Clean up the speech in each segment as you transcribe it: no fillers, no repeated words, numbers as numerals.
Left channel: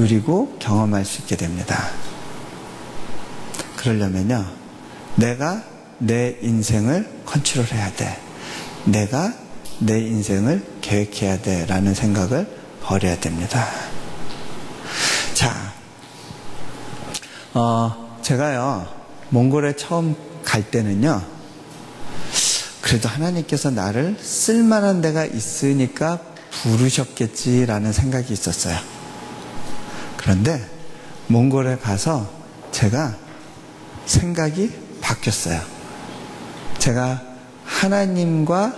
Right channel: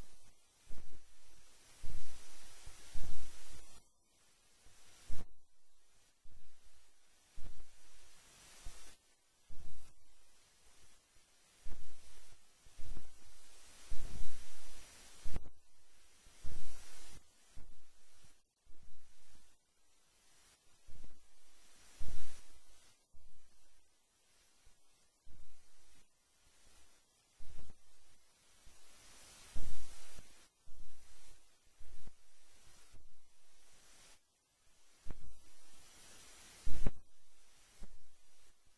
누리고 경험할 수 있게 됩니다. 그러려면요, 내가 내 인생을 컨트롤해야 돼. 내가 내 인생을 계획해야 돼 라는 생각을 버려야 됩니다. 자, 제가요 몽골에 처음 갈 때는요, 그래도 하나님께서 나를 쓸만한 데가 있으니까 부르셨겠지라는 생각이 있었어요. 그런데 몽골에 가서 제가 생각이 바뀌었어요. 제가 하나님과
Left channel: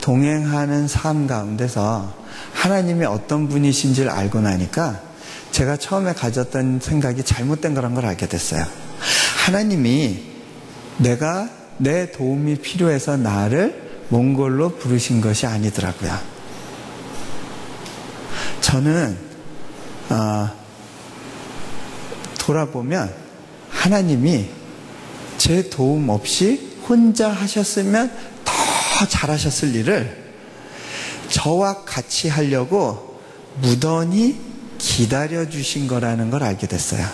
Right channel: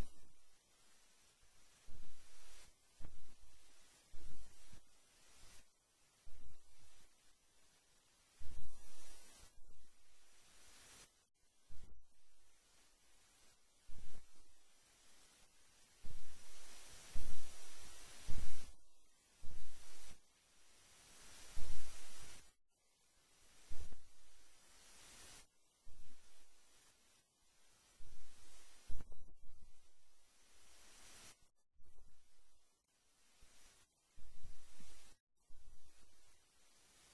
동행하는 삶 가운데서 하나님이 어떤 분이신지를 알고 나니까 제가 처음에 가졌던 생각이 잘못된 거란 걸 알게 됐어요. 하나님이 내가 내 도움이 필요해서 나를 몽골로 부르신 것이 아니더라고요. 저는 돌아보면 하나님이 제 도움 없이 혼자 하셨으면 더 잘하셨을 일을 저와 같이 하려고 무던히 기다려주신 거라는 걸 알게 됐어요.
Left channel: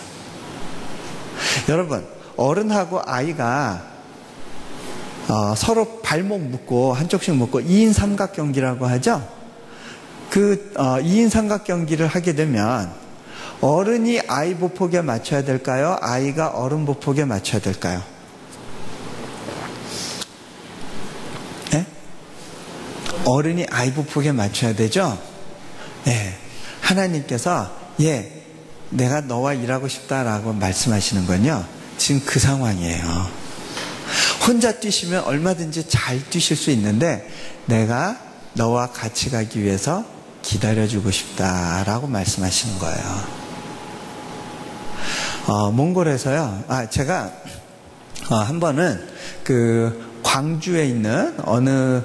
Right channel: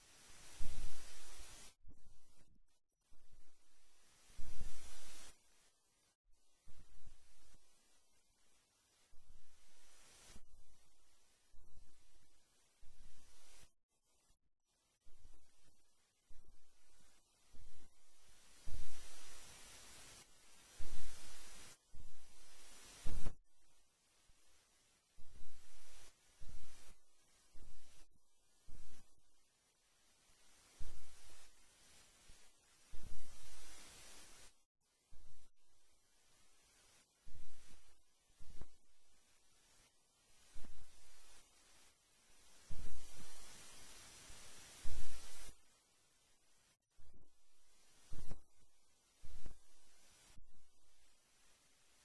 여러분, 어른하고 아이가 서로 발목 묶고 한쪽씩 묶고 2인 삼각경기라고 하죠. 그 2인 삼각경기를 하게 되면 어른이 아이 보폭에 맞춰야 될까요? 아이가 어른 보폭에 맞춰야 될까요? 네? 어른이 아이 보폭에 맞춰야 되죠? 네. 하나님께서 내가 너와 일하고 싶다라고 말씀하시는 건요, 지금 그 상황이에요. 혼자 뛰시면 얼마든지 잘 뛰실 수 있는데 내가 너와 같이 가기 위해서 기다려주고 싶다라고 말씀하시는 거예요. 몽골에서요, 제가 한 번은 그 광주에 있는 어느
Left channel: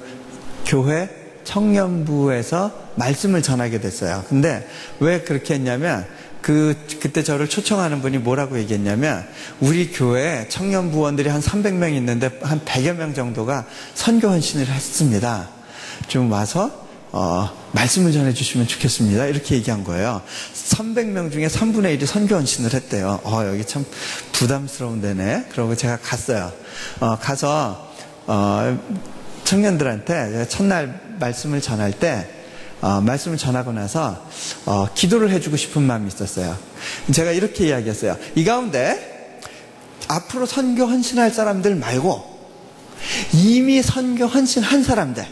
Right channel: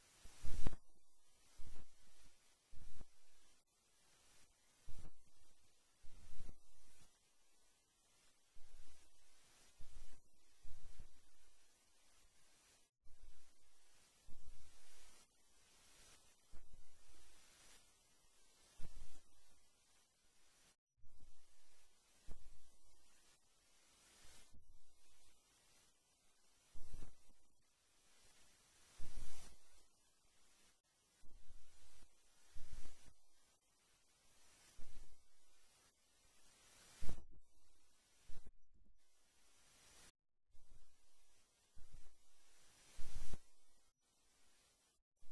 교회 청년부에서 말씀을 전하게 됐어요. 근데 왜 그렇게 했냐면 그때 저를 초청하는 분이 뭐라고 얘기했냐면, 우리 교회에 청년부원들이 한 300명 있는데 한 100여 명 정도가 선교 헌신을 했습니다. 좀 와서 말씀을 전해주시면 좋겠습니다. 이렇게 얘기한 거예요. 300명 중에 3분의 1이 선교 헌신을 했대요. 여기 참 부담스러운 데네. 그러고 제가 갔어요. 가서 청년들한테 제가 첫날 말씀을 전할 때 말씀을 전하고 나서 기도를 해주고 싶은 마음이 있었어요. 제가 이렇게 이야기했어요. 이 가운데 앞으로 선교 헌신할 사람들 말고 이미 선교 헌신한 사람들,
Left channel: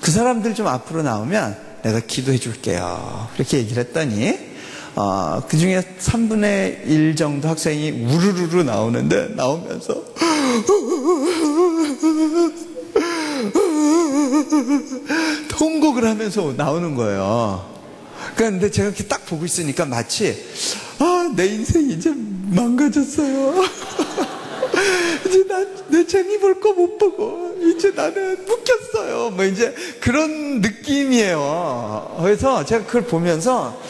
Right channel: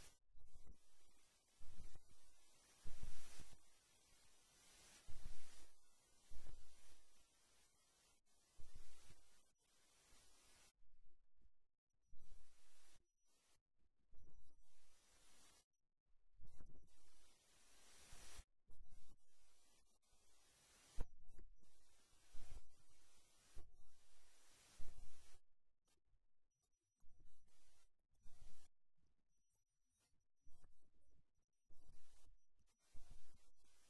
그 사람들 좀 앞으로 나오면 내가 기도해 줄게요. 그렇게 얘기를 했더니 그 중에 3분의 1 정도 학생이 우르르르 나오는데, 나오면서 통곡을 하면서 나오는 거예요. 그런데 제가 이렇게 딱 보고 있으니까 마치 내 인생이 이제 망가졌어요. 이제 내 재미 볼 거 못 보고 이제 나는 묶였어요. 뭐 이제 그런 느낌이에요. 그래서 제가 그걸 보면서,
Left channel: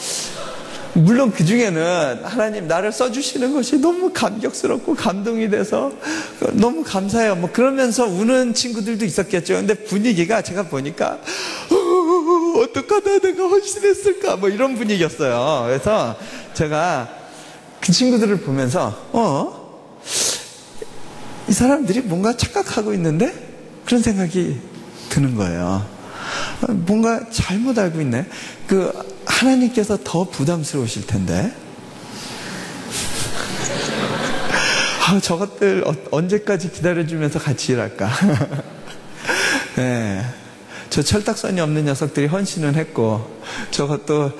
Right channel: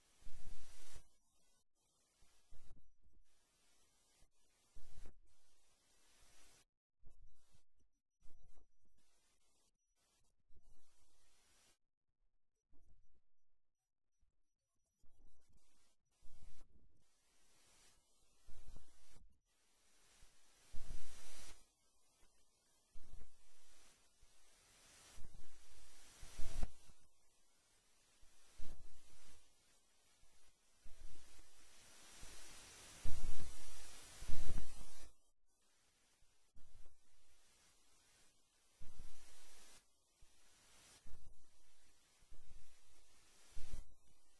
물론 그 중에는 하나님 나를 써주시는 것이 너무 감격스럽고 감동이 돼서 너무 감사해요. 뭐 그러면서 우는 친구들도 있었겠죠. 근데 분위기가 제가 보니까 어떡하다 내가 헌신했을까 뭐 이런 분위기였어요. 그래서 제가 그 친구들을 보면서 이 사람들이 뭔가 착각하고 있는데 그런 생각이 드는 거예요. 뭔가 잘못 알고 있네. 하나님께서 더 부담스러우실 텐데. 저것들 언제까지 기다려주면서 같이 일할까? 네. 저 철딱선이 없는 녀석들이 헌신은 했고, 저것도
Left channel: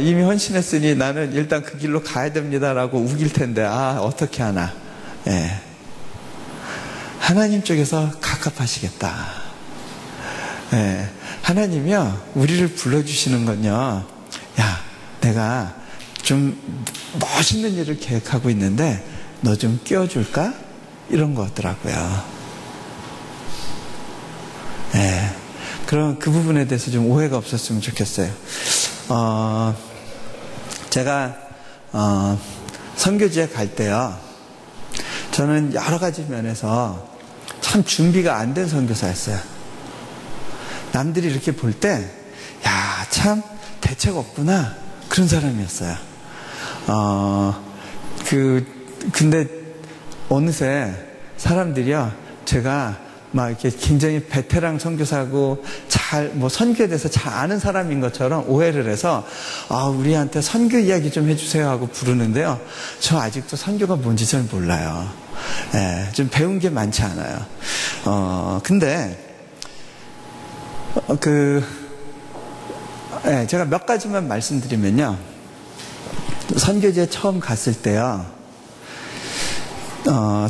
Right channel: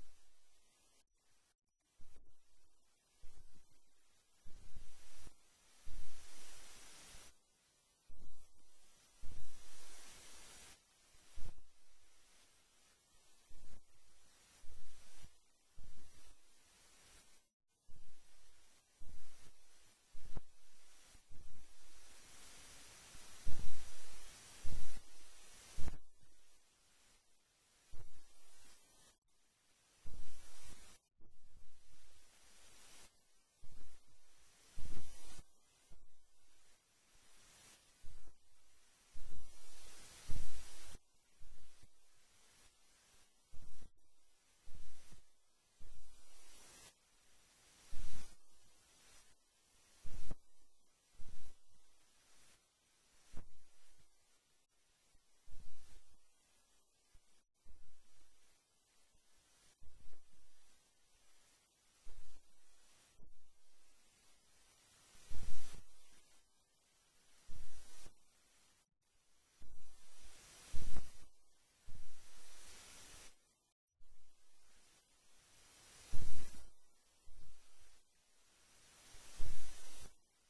이미 헌신했으니 나는 일단 그 길로 가야 됩니다라고 우길 텐데, 어떻게 하나. 네. 하나님 쪽에서 갑갑하시겠다. 네. 하나님이요, 우리를 불러주시는 건요, 내가 좀 멋있는 일을 계획하고 있는데 너 좀 끼워줄까? 이런 거더라고요. 네. 그럼 그 부분에 대해서 좀 오해가 없었으면 좋겠어요. 제가 선교지에 갈 때요, 저는 여러 가지 면에서 참 준비가 안 된 선교사였어요. 남들이 이렇게 볼 때 참 대책 없구나, 그런 사람이었어요. 근데 어느새 사람들이요, 제가 막 이렇게 굉장히 베테랑 선교사고 선교에 대해서 잘 아는 사람인 것처럼 오해를 해서, 우리한테 선교 이야기 좀 해주세요 하고 부르는데요. 저 아직도 선교가 뭔지 잘 몰라요. 예, 좀 배운 게 많지 않아요. 근데, 제가 몇 가지만 말씀드리면요. 선교지에 처음 갔을 때요,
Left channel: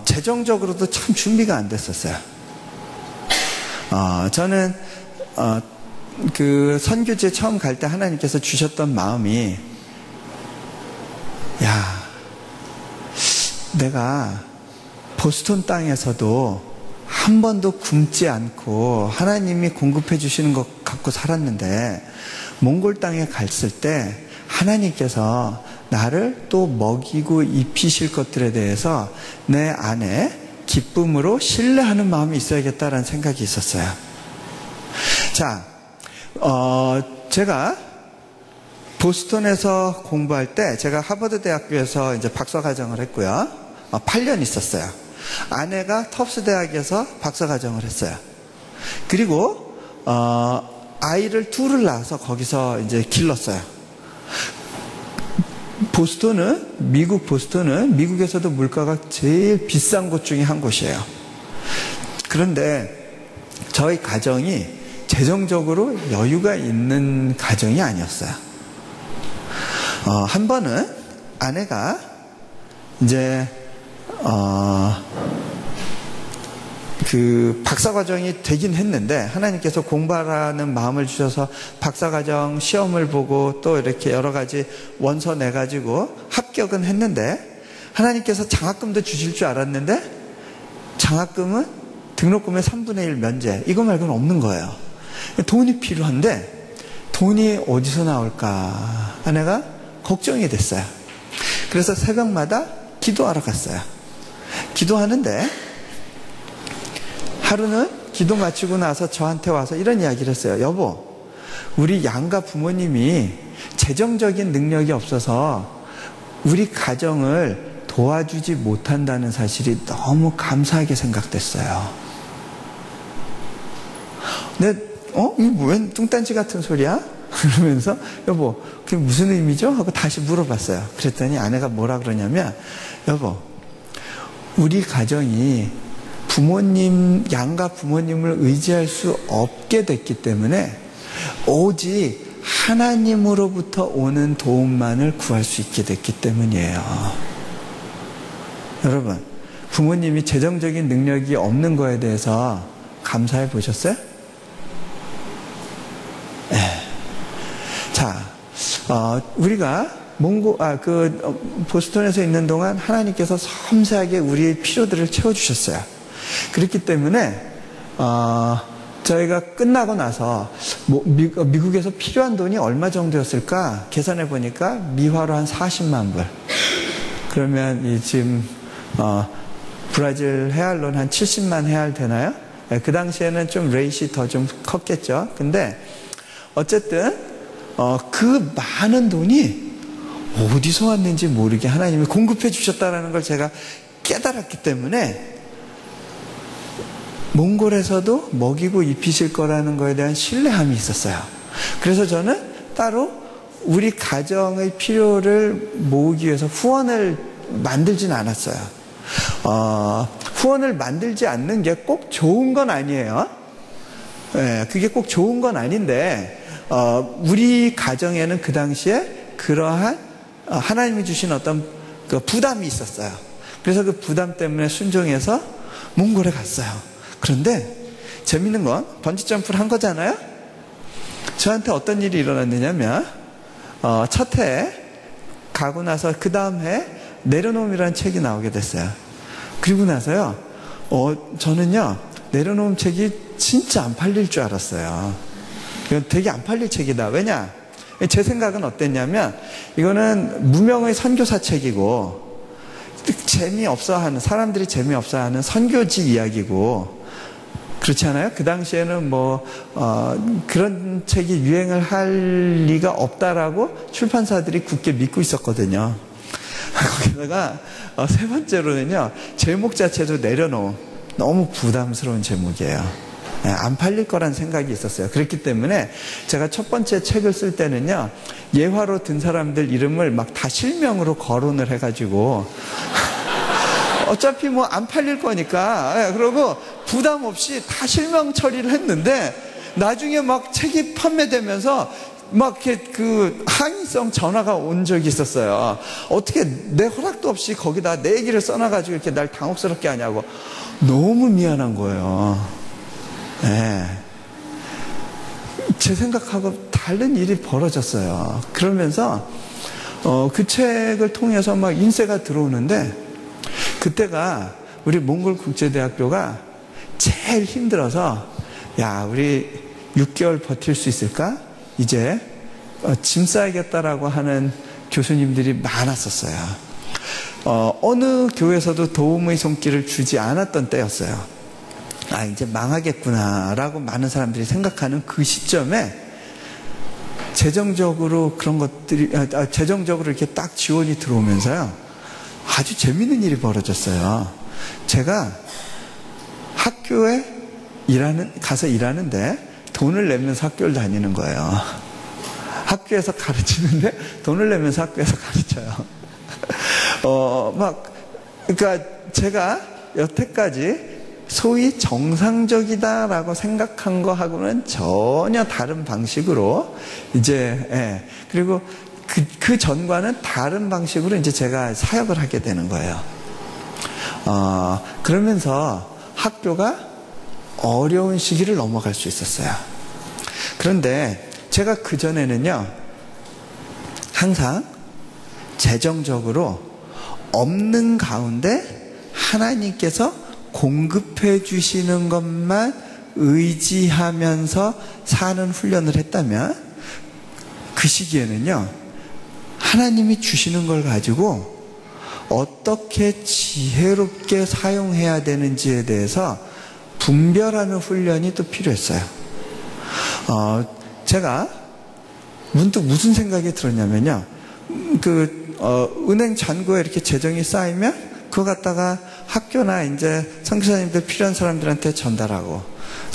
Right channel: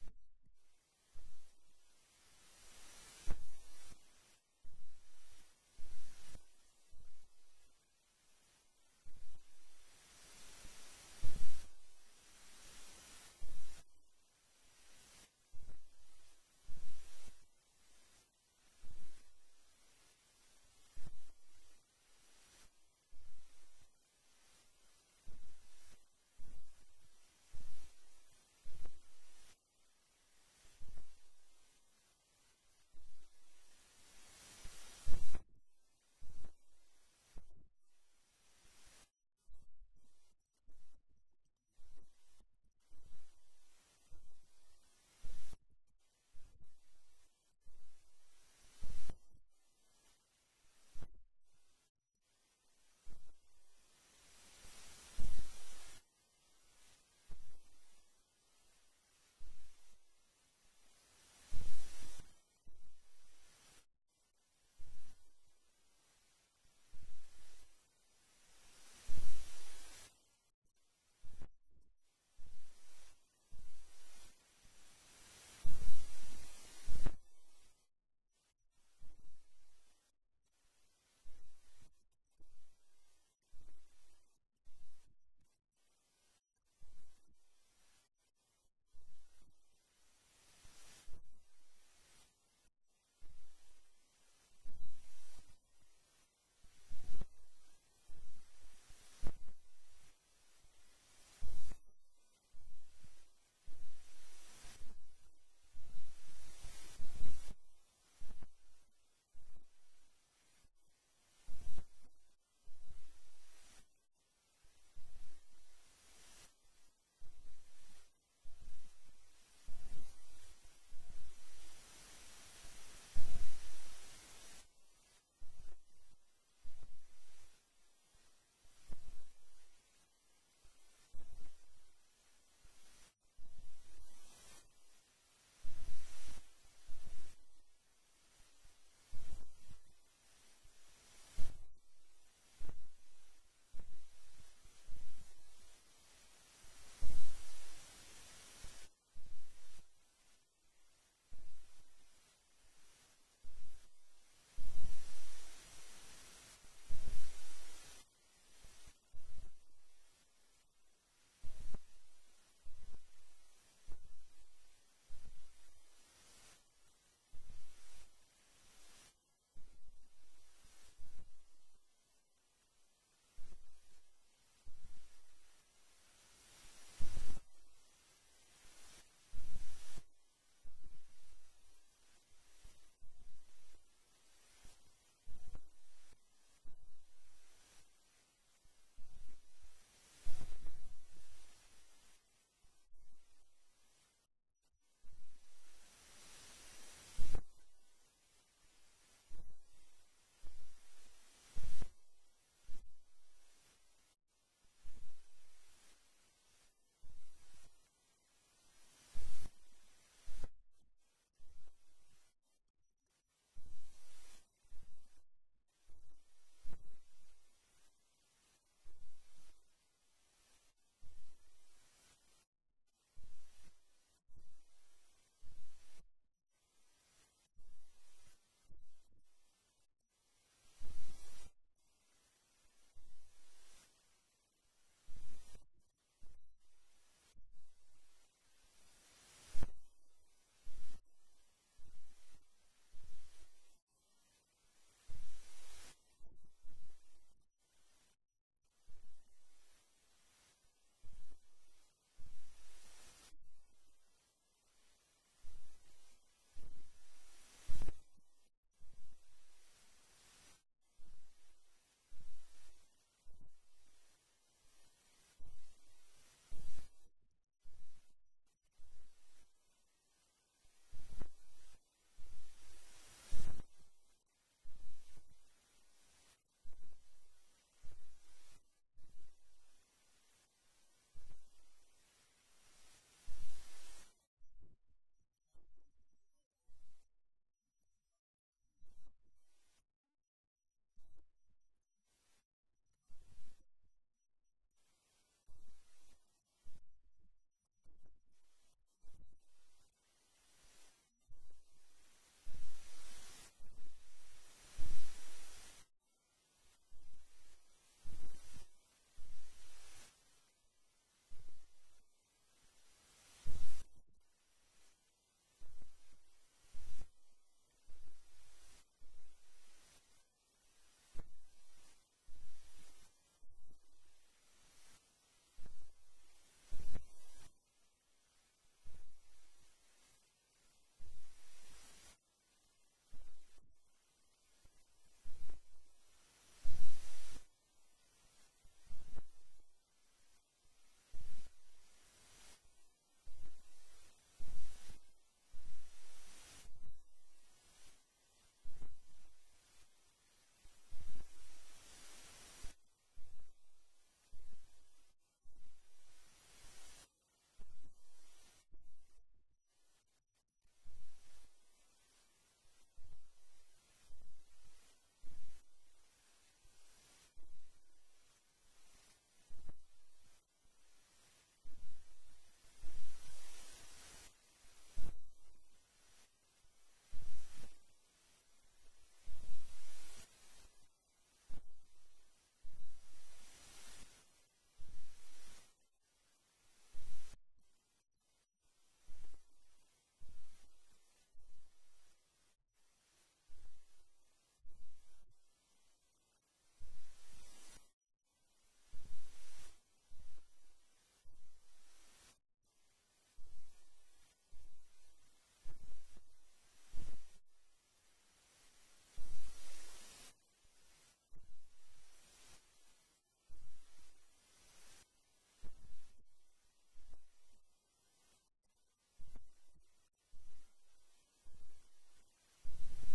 재정적으로도 참 준비가 안 됐었어요. 저는, 선교지에 처음 갈 때 하나님께서 주셨던 마음이, 내가 보스턴 땅에서도 한 번도 굶지 않고 하나님이 공급해 주시는 것 갖고 살았는데, 몽골 땅에 갔을 때 하나님께서 나를 또 먹이고 입히실 것들에 대해서 내 안에 기쁨으로 신뢰하는 마음이 있어야겠다라는 생각이 있었어요. 자, 제가 보스턴에서 공부할 때 제가 하버드 대학교에서 이제 박사과정을 했고요. 8년 있었어요. 아내가 터프스 대학에서 박사과정을 했어요. 그리고 아이를 둘을 낳아서 거기서 이제 길렀어요. 미국 보스턴은 미국에서도 물가가 제일 비싼 곳 중에 한 곳이에요. 그런데 저희 가정이 재정적으로 여유가 있는 가정이 아니었어요. 한 번은 아내가 이제 박사과정이 되긴 했는데, 하나님께서 공부하라는 마음을 주셔서 박사과정 시험을 보고 또 이렇게 여러 가지 원서 내가지고 합격은 했는데, 하나님께서 장학금도 주실 줄 알았는데, 장학금은 등록금의 3분의 1 면제, 이거 말고는 없는 거예요. 돈이 필요한데, 돈이 어디서 나올까? 아내가 걱정이 됐어요. 그래서 새벽마다 기도하러 갔어요. 기도하는데, 하루는 기도 마치고 나서 저한테 와서 이런 이야기를 했어요. 여보, 우리 양가 부모님이 재정적인 능력이 없어서 우리 가정을 도와주지 못한다는 사실이 너무 감사하게 생각됐어요. 근데 이거 웬 뚱딴지 같은 소리야? 그러면서 여보, 그게 무슨 의미죠? 하고 다시 물어봤어요. 그랬더니 아내가 뭐라 그러냐면, 여보, 우리 가정이 양가 부모님을 의지할 수 없게 됐기 때문에 오직 하나님으로부터 오는 도움만을 구할 수 있게 됐기 때문이에요. 여러분, 부모님이 재정적인 능력이 없는 거에 대해서 감사해 보셨어요? 네. 자, 우리가 보스턴에서 있는 동안 하나님께서 섬세하게 우리의 필요들을 채워주셨어요. 그렇기 때문에 저희가 끝나고 나서 미국에서 필요한 돈이 얼마 정도였을까 계산해 보니까 미화로 한 40만 불. 그러면 지금 브라질 헤알로는 한 70만 헤알 되나요? 그 당시에는 좀 레이시 더 좀 컸겠죠. 근데 어쨌든 그 많은 돈이 어디서 왔는지 모르게 하나님이 공급해 주셨다는 걸 제가 깨달았기 때문에 몽골에서도 먹이고 입히실 거라는 거에 대한 신뢰함이 있었어요. 그래서 저는 따로 우리 가정의 필요를 모으기 위해서 후원을 만들진 않았어요. 후원을 만들지 않는 게 꼭 좋은 건 아니에요. 네, 그게 꼭 좋은 건 아닌데, 우리 가정에는 그 당시에 그러한 하나님이 주신 어떤 그 부담이 있었어요. 그래서 그 부담 때문에 순종해서 몽골에 갔어요. 그런데 재밌는 건 번지점프를 한 거잖아요. 저한테 어떤 일이 일어났느냐면, 첫 해 가고 나서 그 다음 해 내려놓음이라는 책이 나오게 됐어요. 그리고 나서요, 저는요, 내려놓음 책이 진짜 안 팔릴 줄 알았어요. 이건 되게 안 팔릴 책이다. 왜냐? 제 생각은 어땠냐면, 이거는 무명의 선교사 책이고, 사람들이 재미없어 하는 선교지 이야기고, 그렇지 않아요? 그 당시에는 그런 책이 유행을 할 리가 없다라고 출판사들이 굳게 믿고 있었거든요. 거기다가 세 번째로는요, 제목 자체도 내려놓은 너무 부담스러운 제목이에요. 안 팔릴 거란 생각이 있었어요. 그렇기 때문에 제가 첫 번째 책을 쓸 때는요, 예화로 든 사람들 이름을 막 다 실명으로 거론을 해가지고 어차피 뭐 안 팔릴 거니까, 그러고 부담 없이 다 실명 처리를 했는데, 나중에 막 책이 판매되면서 막 이렇게 그 항의성 전화가 온 적이 있었어요. 어떻게 내 허락도 없이 거기다 내 얘기를 써놔가지고 이렇게 날 당혹스럽게 하냐고. 너무 미안한 거예요. 네. 제 생각하고 다른 일이 벌어졌어요. 그러면서 그 책을 통해서 막 인쇄가 들어오는데, 그때가 우리 몽골국제대학교가 제일 힘들어서, 야, 우리 6개월 버틸 수 있을까? 이제 짐 싸야겠다라고 하는 교수님들이 많았었어요. 어느 교회에서도 도움의 손길을 주지 않았던 때였어요. 아, 이제 망하겠구나라고 많은 사람들이 생각하는 그 시점에 재정적으로 그런 것들이, 재정적으로 이렇게 딱 지원이 들어오면서요, 아주 재밌는 일이 벌어졌어요. 제가 학교에 가서 일하는데 돈을 내면서 학교를 다니는 거예요. 학교에서 가르치는데 돈을 내면서 학교에서 가르쳐요. 그러니까 제가 여태까지 소위 정상적이다라고 생각한 거하고는 전혀 다른 방식으로 이제, 그리고 그 전과는 다른 방식으로 이제 제가 사역을 하게 되는 거예요. 그러면서 학교가 어려운 시기를 넘어갈 수 있었어요. 그런데 제가 그전에는요, 항상 재정적으로 없는 가운데 하나님께서 공급해 주시는 것만 의지하면서 사는 훈련을 했다면, 그 시기에는요, 하나님이 주시는 걸 가지고 어떻게 지혜롭게 사용해야 되는지에 대해서 분별하는 훈련이 또 필요했어요. 제가 문득 무슨 생각이 들었냐면요, 은행 잔고에 이렇게 재정이 쌓이면 그거 갖다가 학교나 이제 선교사님들 필요한 사람들한테 전달하고,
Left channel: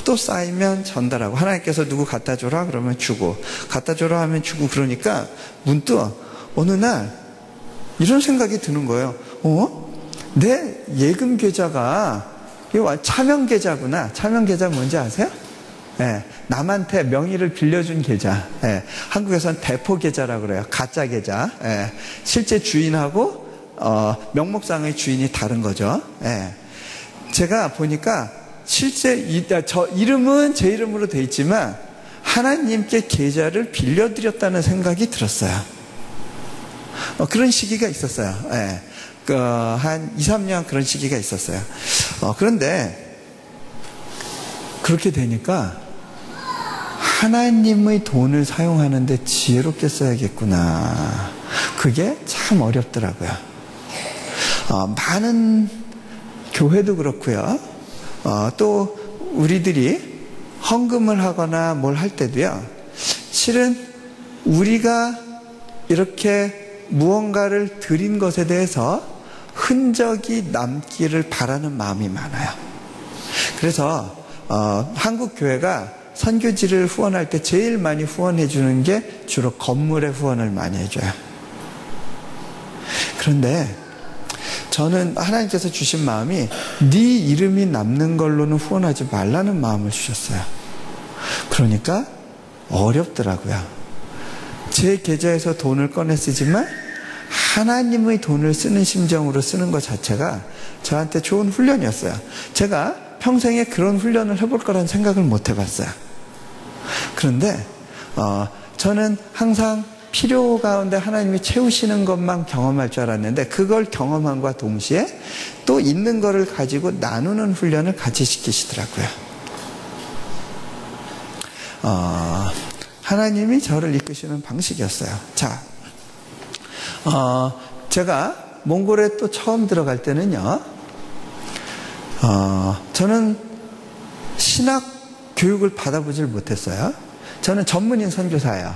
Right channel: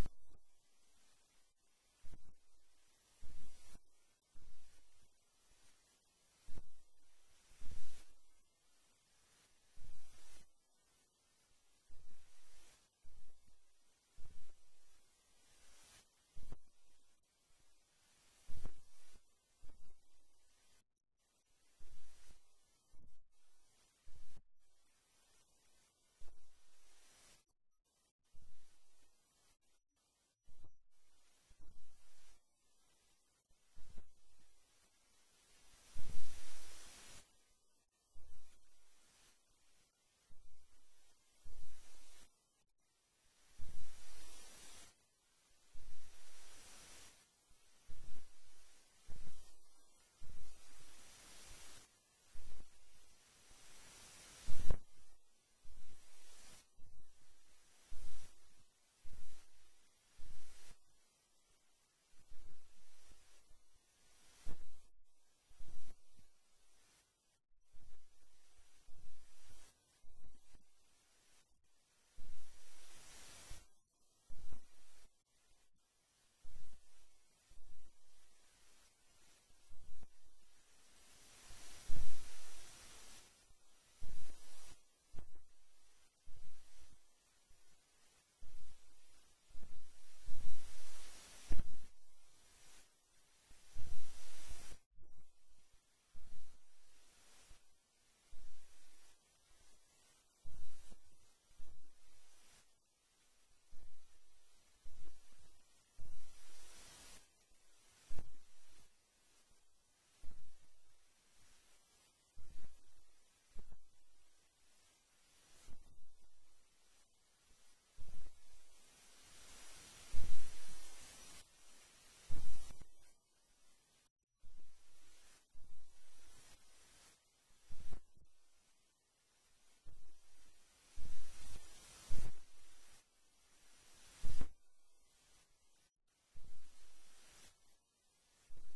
또 쌓이면 전달하고, 하나님께서 누구 갖다 줘라 그러면 주고, 갖다 줘라 하면 주고, 그러니까 문득 어느 날 이런 생각이 드는 거예요. 내 예금 계좌가 차명 계좌구나. 차명 계좌 뭔지 아세요? 남한테 명의를 빌려준 계좌. 한국에서는 대포 계좌라고 그래요. 가짜 계좌. 실제 주인하고 명목상의 주인이 다른 거죠. 제가 보니까 실제 저 이름은 제 이름으로 돼 있지만 하나님께 계좌를 빌려드렸다는 생각이 들었어요. 그런 시기가 있었어요. 한 2, 3년 그런 시기가 있었어요. 그런데 그렇게 되니까 하나님의 돈을 사용하는데 지혜롭게 써야겠구나. 그게 참 어렵더라고요. 많은 교회도 그렇고요. 또 우리들이 헌금을 하거나 뭘 할 때도요, 실은 우리가 이렇게 무언가를 드린 것에 대해서 흔적이 남기를 바라는 마음이 많아요. 그래서 한국 교회가 선교지를 후원할 때 제일 많이 후원해 주는 게 주로 건물에 후원을 많이 해줘요. 그런데 저는 하나님께서 주신 마음이 네 이름이 남는 걸로는 후원하지 말라는 마음을 주셨어요. 그러니까 어렵더라고요. 제 계좌에서 돈을 꺼내 쓰지만 하나님의 돈을 쓰는 심정으로 쓰는 것 자체가 저한테 좋은 훈련이었어요. 제가 평생에 그런 훈련을 해볼 거라는 생각을 못 해봤어요. 그런데 저는 항상 필요 가운데 하나님이 채우시는 것만 경험할 줄 알았는데, 그걸 경험함과 동시에 또 있는 거를 가지고 나누는 훈련을 같이 시키시더라고요. 하나님이 저를 이끄시는 방식이었어요. 자, 제가 몽골에 또 처음 들어갈 때는요, 저는 신학 교육을 받아보질 못했어요. 저는 전문인 선교사예요.